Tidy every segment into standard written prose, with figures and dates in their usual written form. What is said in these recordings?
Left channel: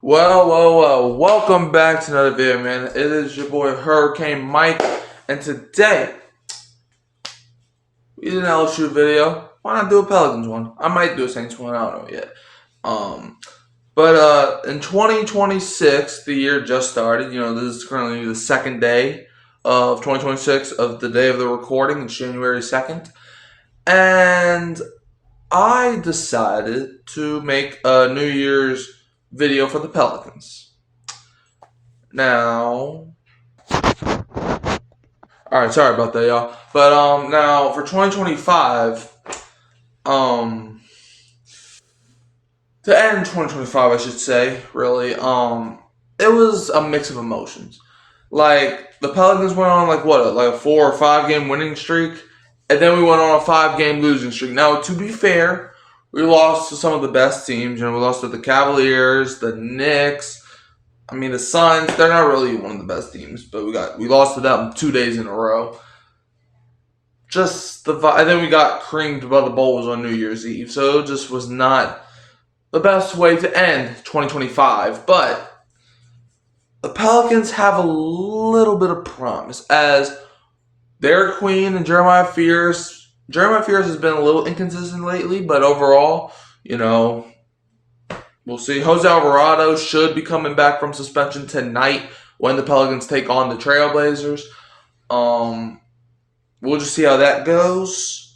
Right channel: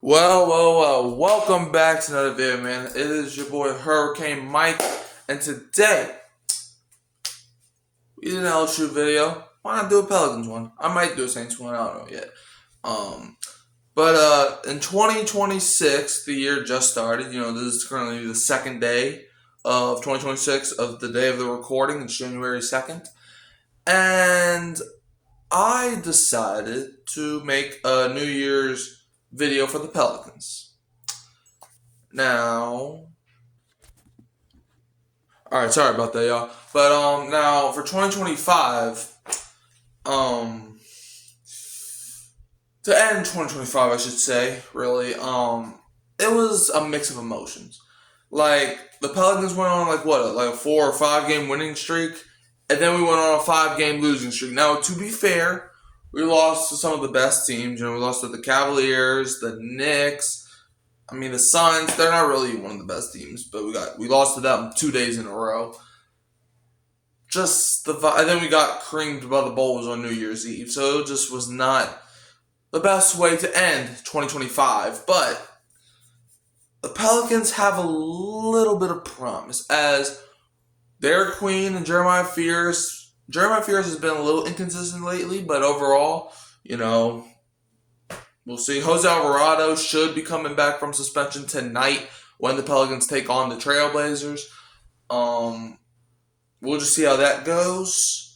Well, welcome back to another video, man. It is your boy Hurricane Mike, and today we did an LSU video. Why not do a Pelicans one? I might do a Saints one, I don't know yet. But in 2026, the year just started. This is currently the second day of 2026 of the day of the recording. It's January 2nd. And I decided to make a New Year's video for the Pelicans. Now, alright, sorry about that, y'all. But now for 2025, to end 2025, I should say, really, it was a mix of emotions. Like, the Pelicans went on, like a 4 or 5 game winning streak, and then we went on a 5 game losing streak. Now, to be fair, we lost to some of the best teams. We lost to the Cavaliers, the Knicks. The Suns. They're not really one of the best teams, but we lost to them 2 days in a row. And then we got creamed by the Bulls on New Year's Eve. So it just was not the best way to end 2025. But the Pelicans have a little bit of promise as their queen and Jeremiah Fears has been a little inconsistent lately, but overall, we'll see. Jose Alvarado should be coming back from suspension tonight when the Pelicans take on the Trailblazers. We'll just see how that goes.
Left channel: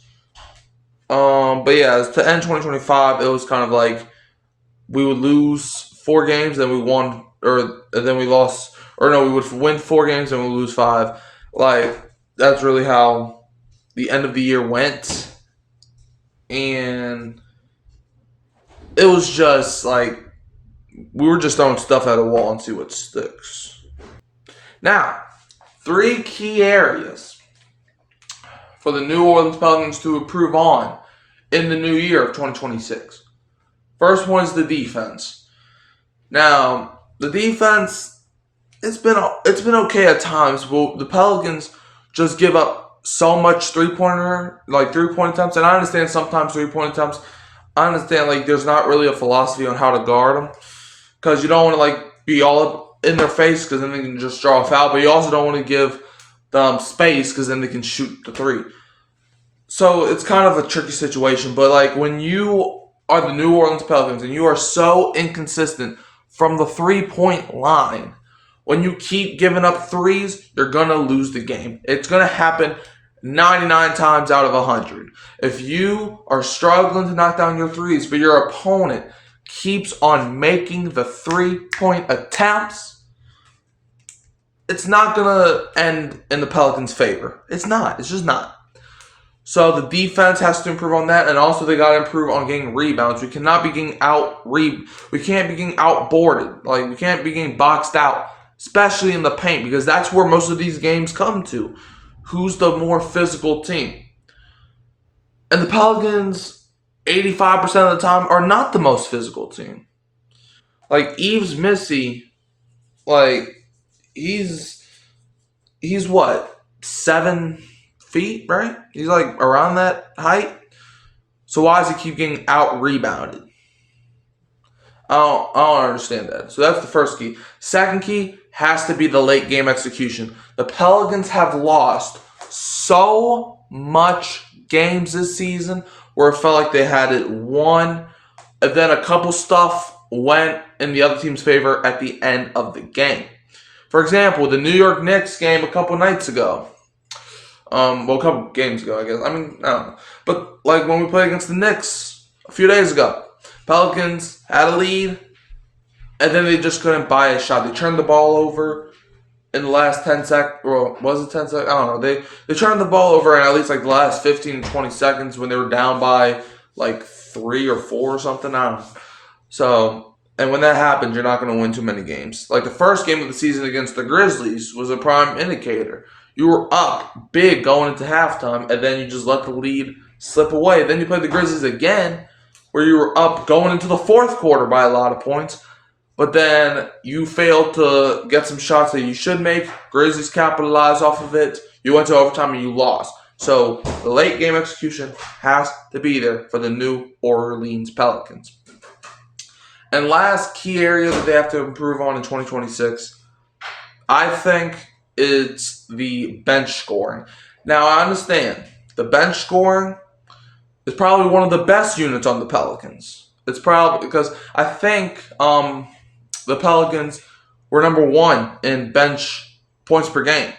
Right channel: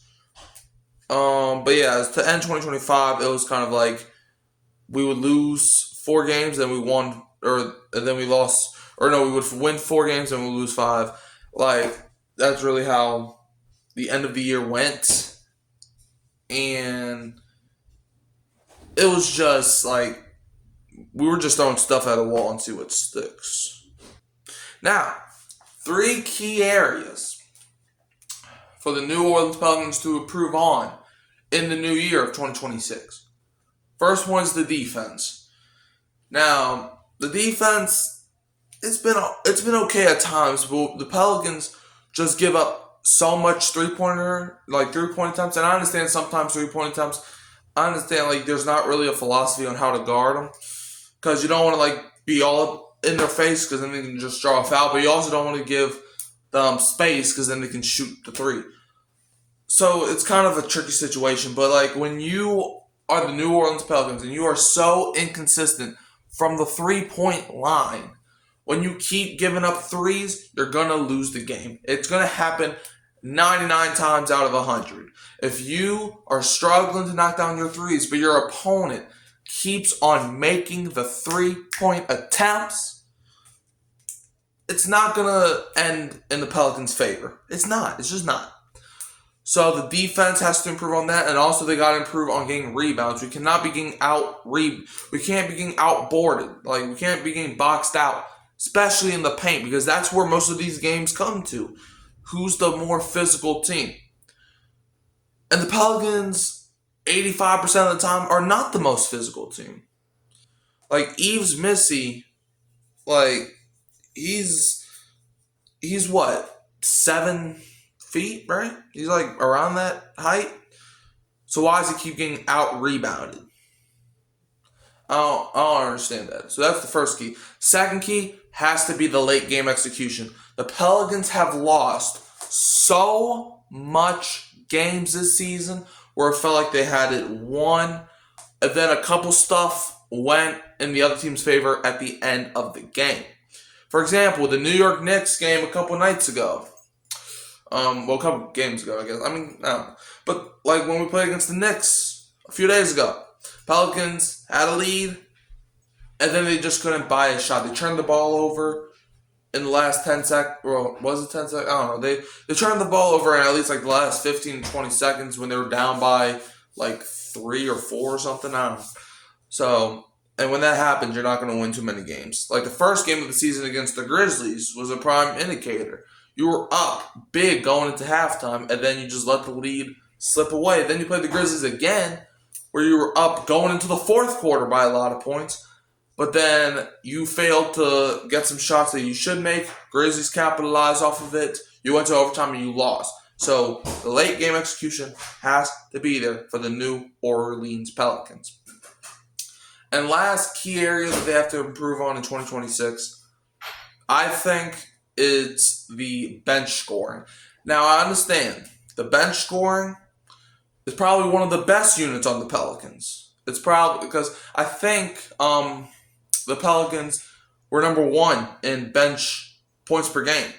But yeah, to end 2025, it was kind of like we would lose 4 games, then we won, then we lost, we would win 4 games and we would lose 5. Like, that's really how the end of the year went. And it was just like we were just throwing stuff at a wall and see what sticks. Now, 3 key areas for the New Orleans Pelicans to improve on in the new year of 2026. First one is the defense. Now, the defense, it's been okay at times, but the Pelicans just give up so much three-point attempts, and I understand sometimes 3-point attempts. I understand there's not really a philosophy on how to guard them because you don't want to be all up in their face because then they can just draw a foul, but you also don't want to give them space because then they can shoot the 3. So it's kind of a tricky situation, but when you are the New Orleans Pelicans and you are so inconsistent from the 3-point line, when you keep giving up 3s, you're going to lose the game. It's going to happen 99 times out of 100. If you are struggling to knock down your 3s, but your opponent keeps on making the 3-point attempts, it's not going to end in the Pelicans' favor. It's not. It's just not. So the defense has to improve on that, and also they got to improve on getting rebounds. We cannot be getting we can't be getting outboarded. We can't be getting boxed out, especially in the paint, because that's where most of these games come to. Who's the more physical team? And the Pelicans, 85% of the time, are not the most physical team. Yves Missy, he's what, 7 feet, right? He's around that height. So why does he keep getting out-rebounded? I don't understand that. So that's the first key. Second key has to be the late game execution. The Pelicans have lost so much games this season where it felt like they had it won, and then a couple stuff went in the other team's favor at the end of the game. For example, the New York Knicks game a couple nights ago. A couple games ago, I guess. I don't know. But when we played against the Knicks a few days ago, Pelicans had a lead, and then they just couldn't buy a shot. They turned the ball over in the last 10 seconds. Well, was it 10 seconds? I don't know. They turned the ball over in at least the last 15 to 20 seconds when they were down by 3 or 4 or something. I don't know. So, and when that happens, you're not going to win too many games. The first game of the season against the Grizzlies was a prime indicator. You were up big going into halftime, and then you just let the lead slip away. Then you played the Grizzlies again, where you were up going into the 4th quarter by a lot of points, but then you failed to get some shots that you should make. Grizzlies capitalized off of it. You went to overtime and you lost. So the late game execution has to be there for the New Orleans Pelicans. And last key area that they have to improve on in 2026, I think it's the bench scoring. Now, I understand the bench scoring is probably one of the best units on the Pelicans. It's probably because I think the Pelicans were number 1 in bench points per game.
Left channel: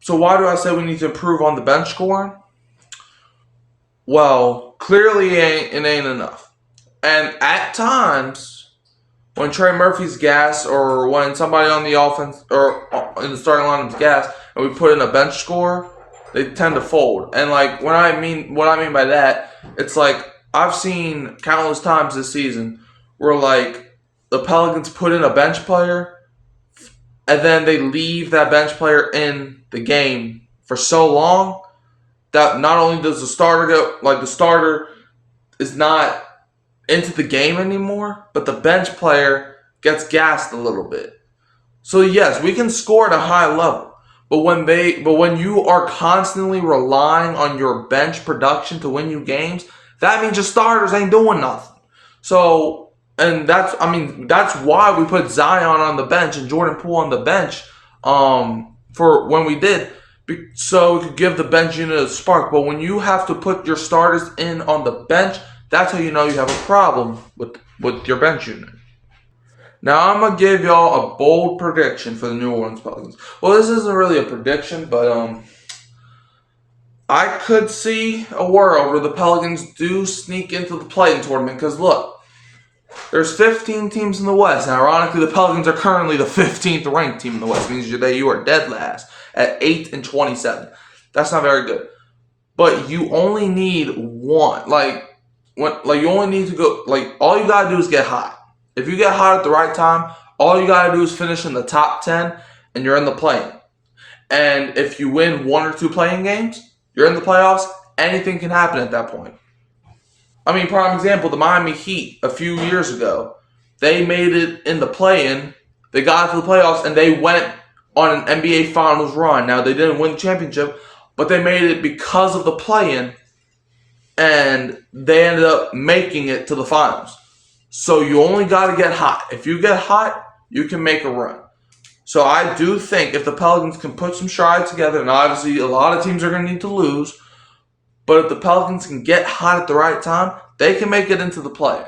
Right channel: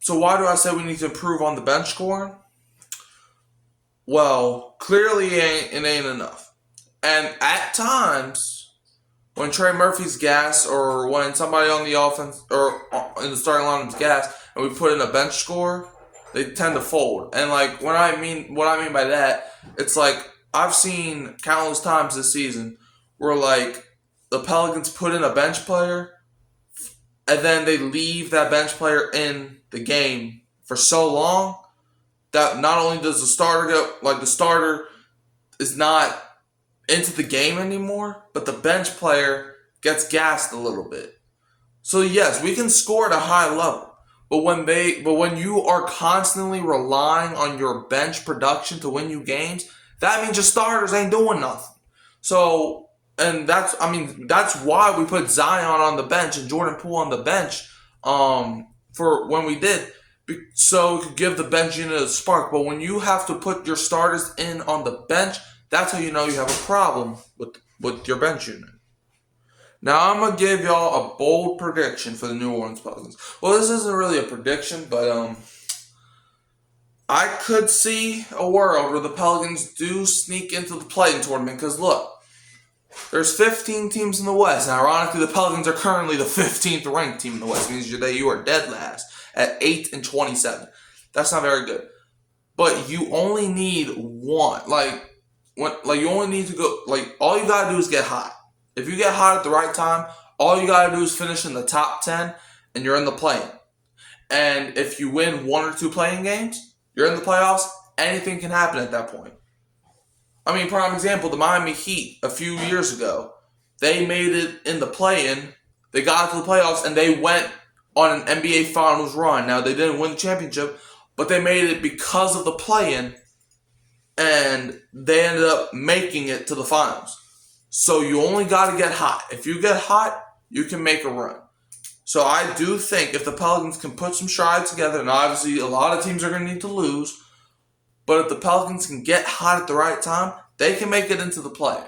So why do I say we need to improve on the bench scoring? Well, clearly it ain't enough. And at times, when Trey Murphy's gas or when somebody on the offense or in the starting line is gas and we put in a bench scorer, they tend to fold. And like what I mean by that, it's like I've seen countless times this season where like the Pelicans put in a bench player and then they leave that bench player in the game for so long that not only does the starter is not into the game anymore, but the bench player gets gassed a little bit. So yes, we can score at a high level, but when you are constantly relying on your bench production to win you games, that means your starters ain't doing nothing. So, and that's why we put Zion on the bench and Jordan Poole on the bench for when we did, so we could give the bench unit a spark. But when you have to put your starters in on the bench, that's how you know you have a problem with your bench unit. Now, I'm going to give y'all a bold prediction for the New Orleans Pelicans. Well, this isn't really a prediction, but I could see a world where the Pelicans do sneak into the play-in tournament. Because, look, there's 15 teams in the West. And ironically, the Pelicans are currently the 15th ranked team in the West. It means that you are dead last at 8-27. That's not very good. But you only need one. You only need to go, all you got to do is get hot. If you get hot at the right time, all you got to do is finish in the top 10 and you're in the play-in. And if you win 1 or 2 play-in games, you're in the playoffs. Anything can happen at that point. I mean, prime example, the Miami Heat a few years ago, they made it in the play-in. They got to the playoffs and they went on an NBA Finals run. Now, they didn't win the championship, but they made it because of the play-in. And they ended up making it to the finals. So you only got to get hot. If you get hot, you can make a run. So I do think if the Pelicans can put some strides together, and obviously a lot of teams are going to need to lose, but if the Pelicans can get hot at the right time, they can make it into the play.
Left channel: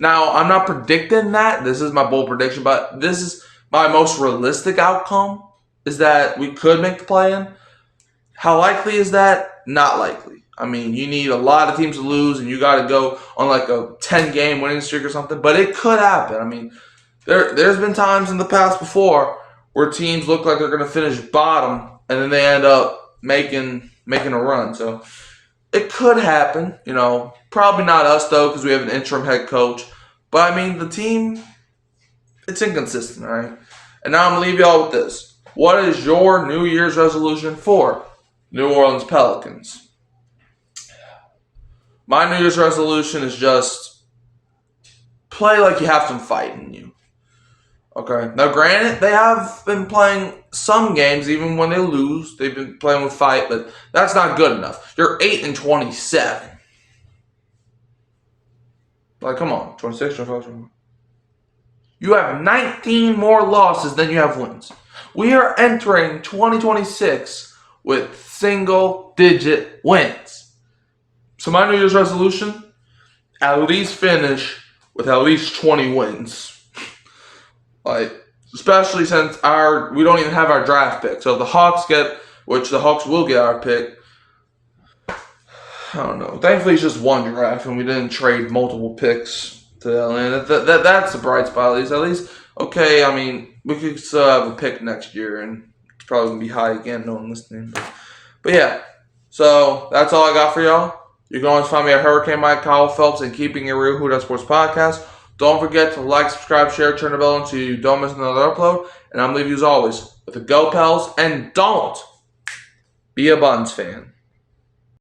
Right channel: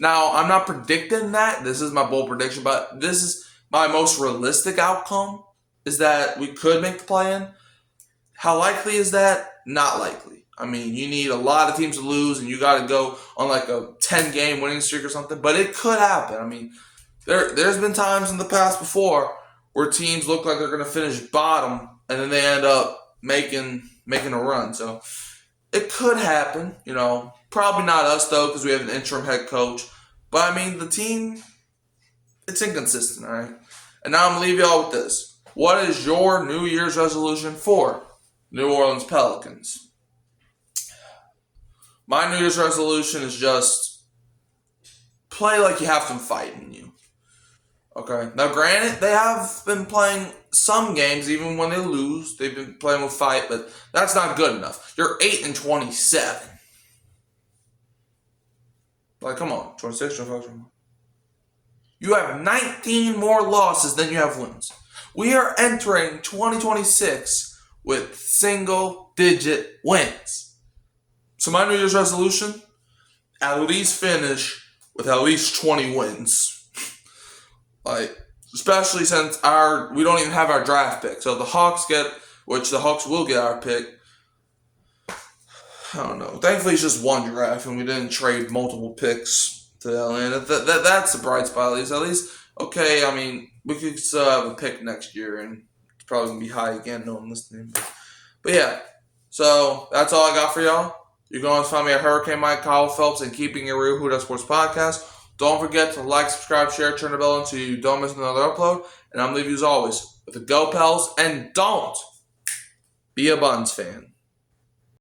Now, I'm not predicting that. This is my bold prediction, but this is my most realistic outcome, is that we could make the play-in. How likely is that? Not likely. I mean, you need a lot of teams to lose, and you got to go on like a 10-game winning streak or something. But it could happen. I mean, there's been times in the past before where teams look like they're going to finish bottom, and then they end up making a run. So it could happen. Probably not us though, because we have an interim head coach. But I mean, the team, it's inconsistent, all right? And now I'm gonna leave y'all with this. What is your New Year's resolution for New Orleans Pelicans? My New Year's resolution is just play like you have some fight in you. Okay. Now, granted, they have been playing some games, even when they lose. They've been playing with fight, but that's not good enough. You're 8-27. Come on. 26, 25, 25. You have 19 more losses than you have wins. We are entering 2026 with single-digit wins. So my New Year's resolution, at least finish with at least 20 wins. Especially since we don't even have our draft pick. So if the Hawks which the Hawks will get our pick, I don't know. Thankfully, it's just one draft, and we didn't trade multiple picks to Atlanta. That's the bright spot, at least. Okay, I mean, we could still have a pick next year, and it's probably going to be high again, no one listening. But yeah, so that's all I got for y'all. You can always find me at Hurricane Mike, Kyle Phelps, and Keeping It Real, Who Does Sports Podcast. Don't forget to like, subscribe, share, turn the bell on so you don't miss another upload. And I'm leaving you as always with the Go Pels, and don't be a Buns fan.